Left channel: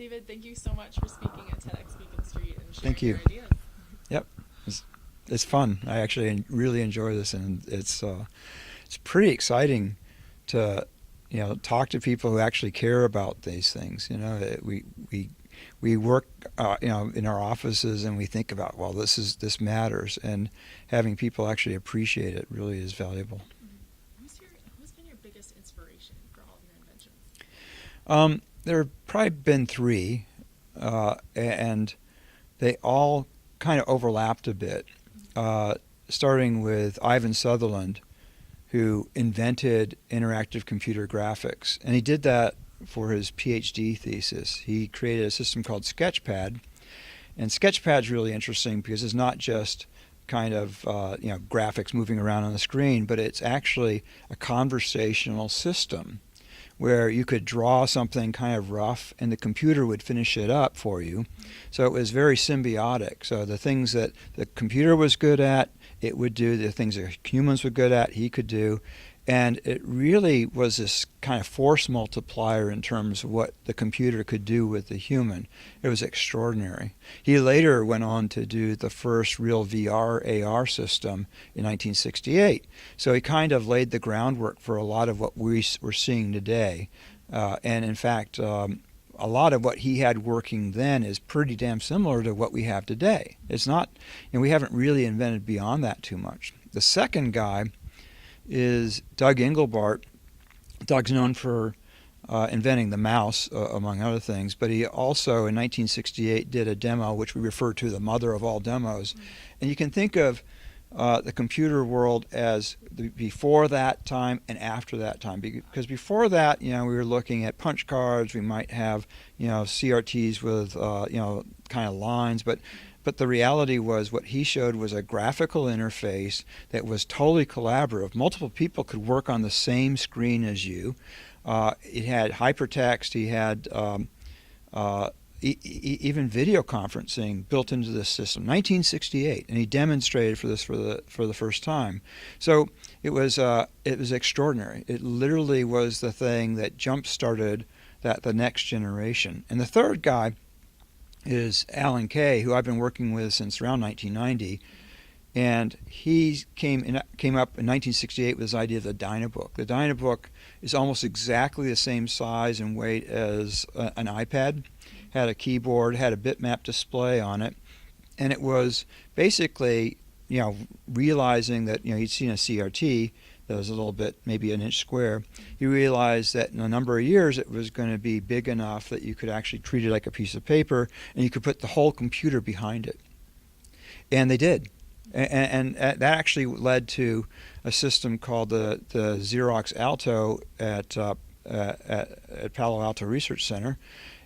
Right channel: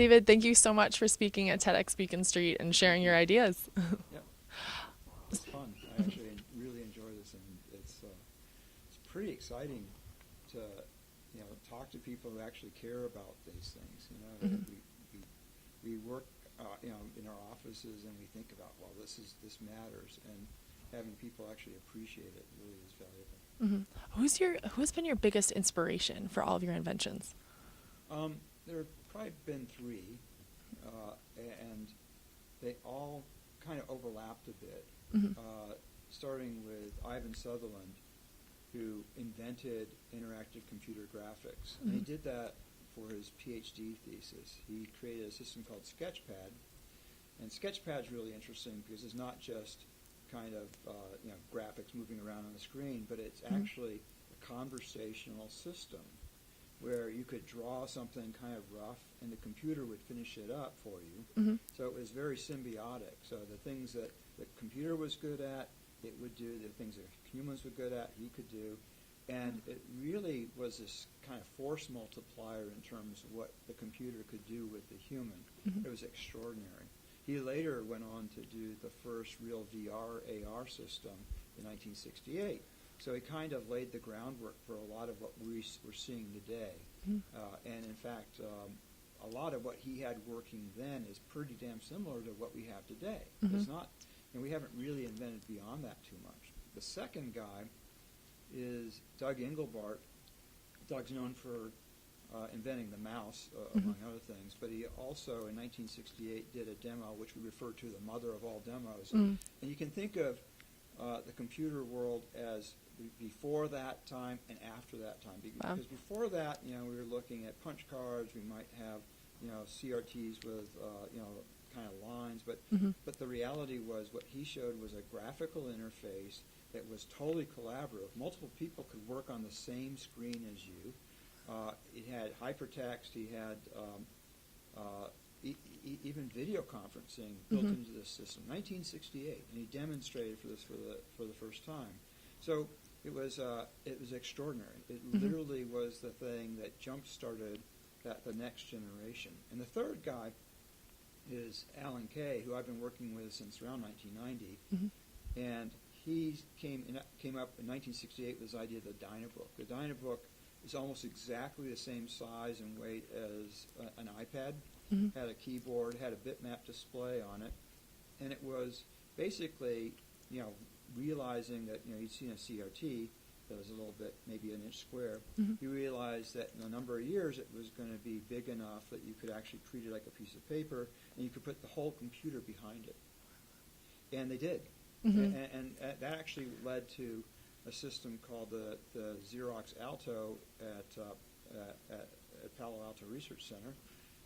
David, thank you so much for speaking at TEDxBeaconStreet and sharing Thank your you. ideas. Yep. It's fun. I actually really enjoy this, and it's pretty exciting to talk to people who actually care about these things. We work in our offices, and we think about, well, this matters, and having people actually appreciate it really is valuable. Mhm. Who's been your biggest inspiration for all of your inventions? There have probably been three, and they all kind of overlapped a bit. Starting with Ivan Sutherland, who invented interactive computer graphics. And he did that for his PhD thesis. He created a system called Sketchpad. And Sketchpad's really interesting because it's not just kind of graphics moving around on the screen, but it's actually a conversational system where you could draw something kind of rough and the computer would finish it up for you. So it was very symbiotic. So the things that the computer was good at, it would do. The things that humans were good at, he could do. And it really was this kind of force multiplier in terms of what the computer could do with the human. It was extraordinary. He later went on to do the first real VR AR system in 1968. So he kind of laid the groundwork for a lot of what we're seeing today. And in fact, a lot of what he had working then is pretty damn similar to what we have today. It's not, we haven't really invented beyond that too much. The second guy is Doug Engelbart. Doug's known for inventing the mouse, among other things, but he also in 1968 did a demo which we refer to the mother of all demos. And you can think of the computer world as before that time and after that time, because before that, we were looking at punch cards. We might have CRTs with kind of lines, but the reality was what he showed was a graphical interface that was totally collaborative. Multiple people could work on the same screen as you. It had hypertext. He had even video conferencing built into the system. 1968, and he demonstrated for this for the first time. So it was extraordinary. It literally was the thing that jump-started the next generation. And the third guy is Alan Kay, who I've been working with since around 1990. And he came up in 1968 with this idea of the Dynabook. The Dynabook is almost exactly the same size and weight as an iPad. Had a keyboard, had a bitmap display on it, and it was basically, realizing that he'd seen a CRT that was a little bit, maybe an inch square. He realized that in a number of years it was going to be big enough that you could actually treat it like a piece of paper, and you could put the whole computer behind it. And they did. And that actually led to a system called the Xerox Alto at Palo Alto Research Center,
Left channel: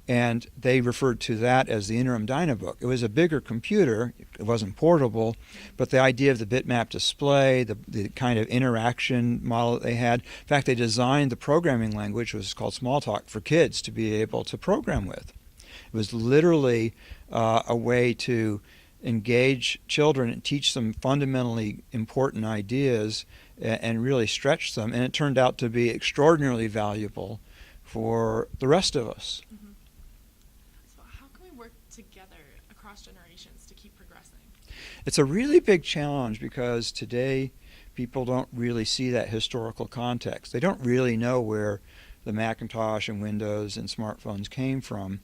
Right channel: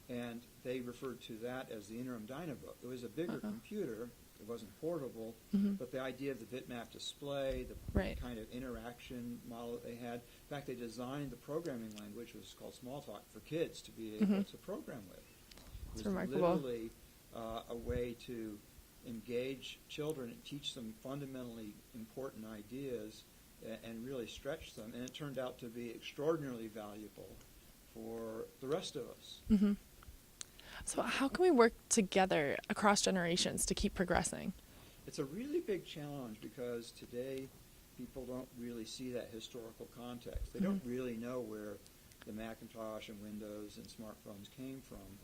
and they referred to that as the interim Dynabook. It was a bigger computer. It wasn't portable, but the idea of the bitmap display, the kind of interaction model that they had. In fact, they designed the programming language, which was called Smalltalk, for kids to be able to program with. It was literally a way to engage children and teach them fundamentally important ideas and really stretch them. And it turned out to be extraordinarily valuable for the rest of us. So how can we work together across generations to keep progressing? It's a really big challenge because today people don't really see that historical context. They don't really know where the Macintosh and Windows and smartphones came from.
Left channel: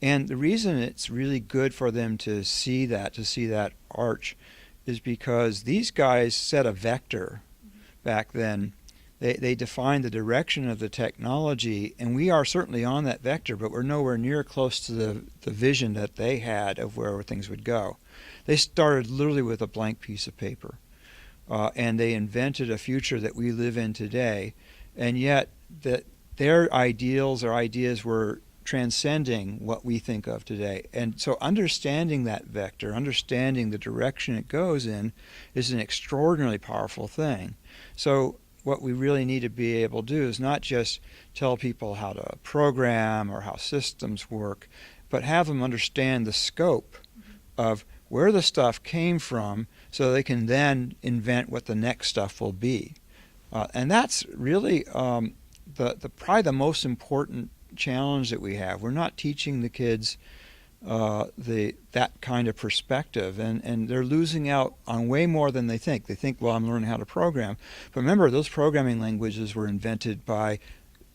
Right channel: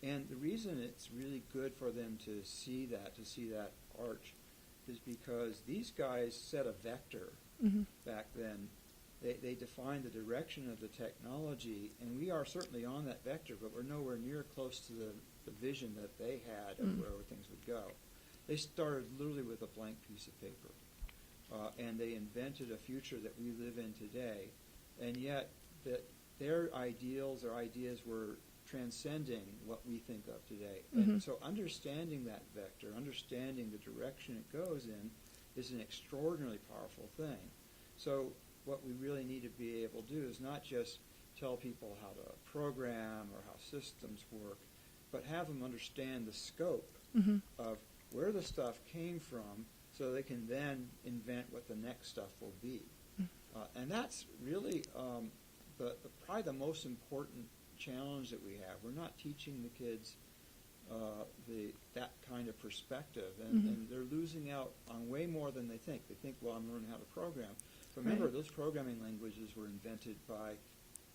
And the reason it's really good for them to see that arch, is because these guys set a vector back then. They defined the direction of the technology, and we are certainly on that vector, but we're nowhere near close to the vision that they had of where things would go. They started literally with a blank piece of paper, and they invented a future that we live in today, and yet their ideals or ideas were transcending what we think of today. And so understanding that vector, understanding the direction it goes in, is an extraordinarily powerful thing. So what we really need to be able to do is not just tell people how to program or how systems work, but have them understand the scope of where the stuff came from so they can then invent what the next stuff will be. And that's really probably the most important challenge that we have. We're not teaching the kids that kind of perspective, and they're losing out on way more than they think. They think, well, I'm learning how to program. But remember, those programming languages were invented by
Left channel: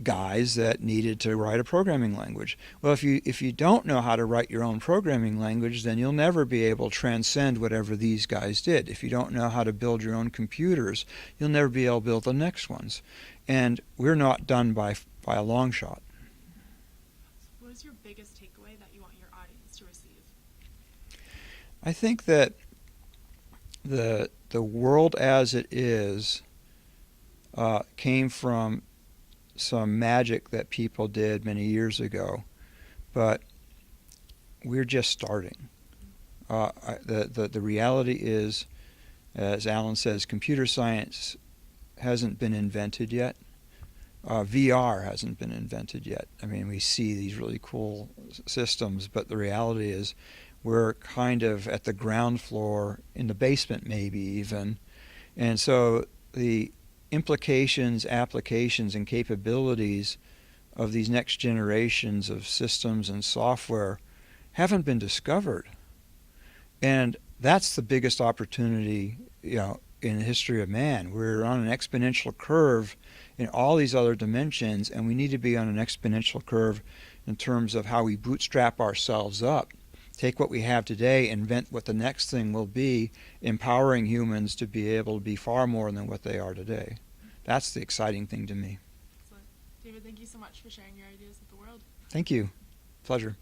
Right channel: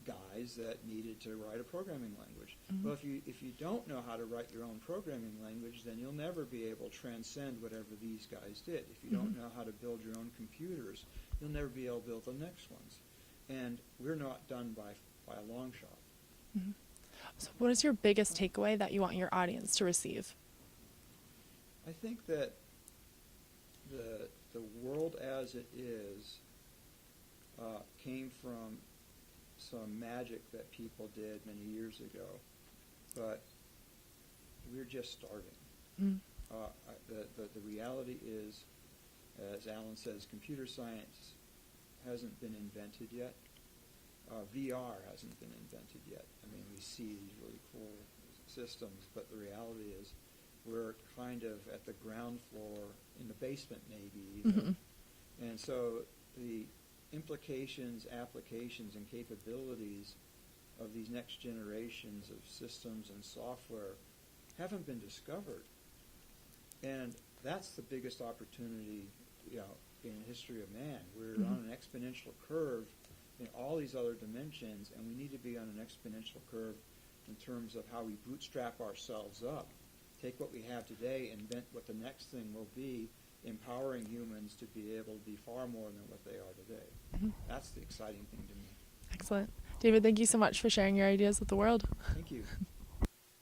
guys that needed to write a programming language. Well, if you don't know how to write your own programming language, then you'll never be able to transcend whatever these guys did. If you don't know how to build your own computers, you'll never be able to build the next ones. And we're not done by a long shot. So what is your biggest takeaway that you want your audience to receive? I think that the world as it is came from some magic that people did many years ago, but we're just starting. The reality is, as Alan says, computer science hasn't been invented yet. VR hasn't been invented yet. I mean, we see these really cool systems, but the reality is we're kind of at the ground floor, in the basement maybe even. And so the implications, applications, and capabilities of these next generations of systems and software haven't been discovered. And that's the biggest opportunity, in the history of man. We're on an exponential curve in all these other dimensions, and we need to be on an exponential curve in terms of how we bootstrap ourselves up, take what we have today, invent what the next thing will be, empowering humans to be able to be far more than what they are today. That's the exciting thing to me. Excellent. David, thank you so much for sharing your ideas with the world. Thank you. Pleasure.